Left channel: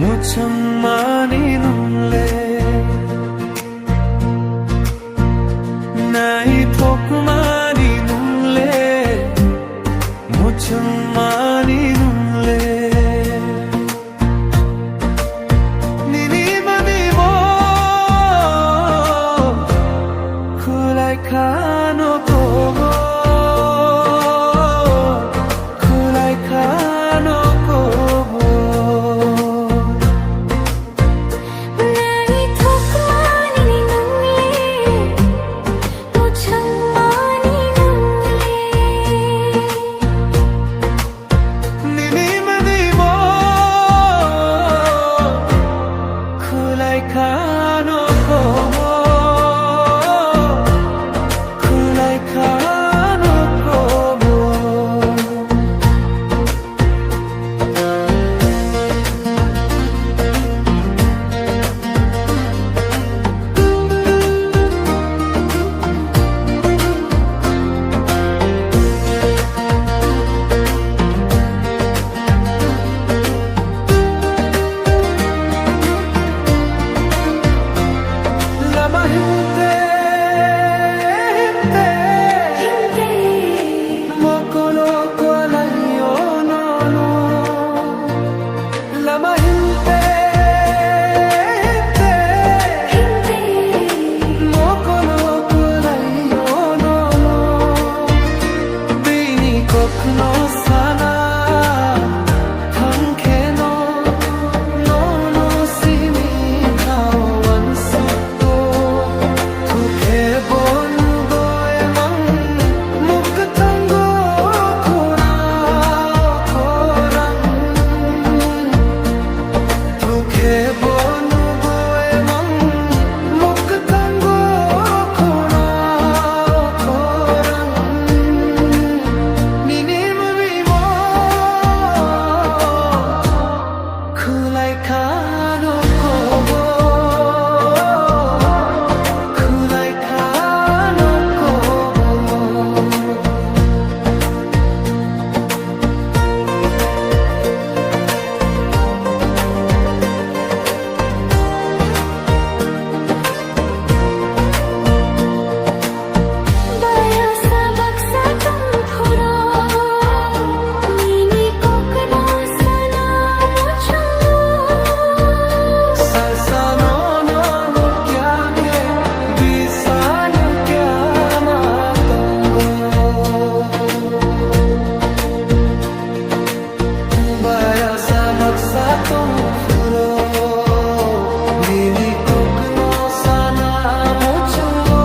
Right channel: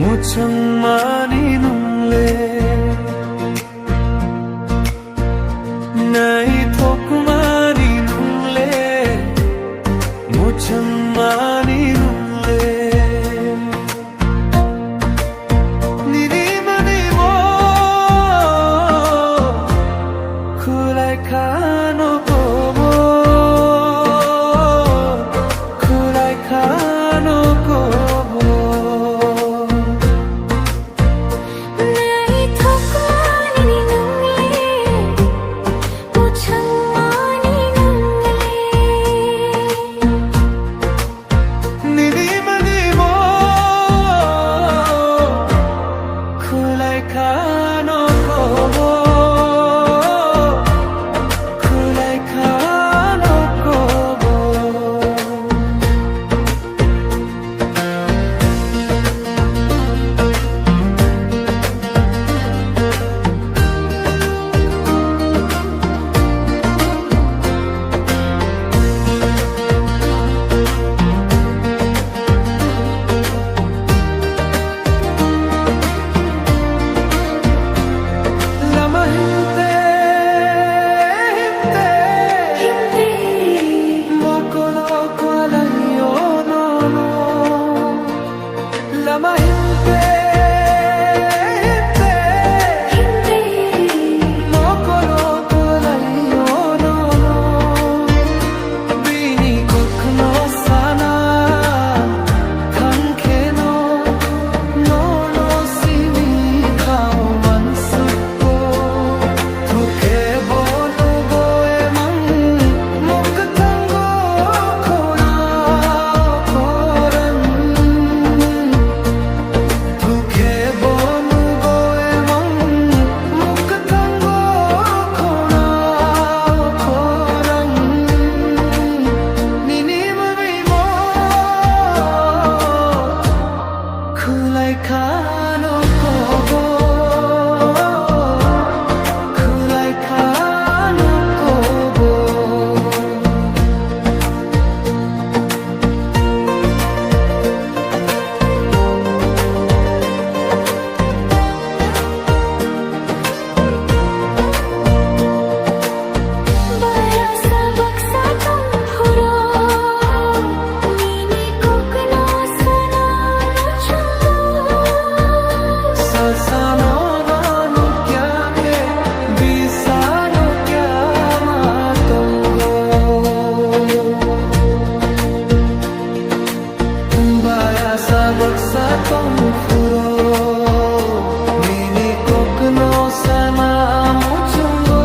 muchang nungle nai pokmani nungle muchang nungle nini mani mo kulai kano kobo kulai kano kobo kulai kano kobo kulai kano kobo Lama hinte mokolo kwalayo no Lama hinte mokolo kwalayo no Bini kokno sana thankeno no simi kawan su Tuke bonu go emang muk tango kona korang Tuke bonu go emang muk tango kona korang Nini mabimo kulai kano kobo kulai kano kobo Baya sabak sa tumpuro Nini kokno sana muchungo Sasano no kya ke Bisanu kya matongo Baya sabak sa tong furo Nini kokno sana muchungo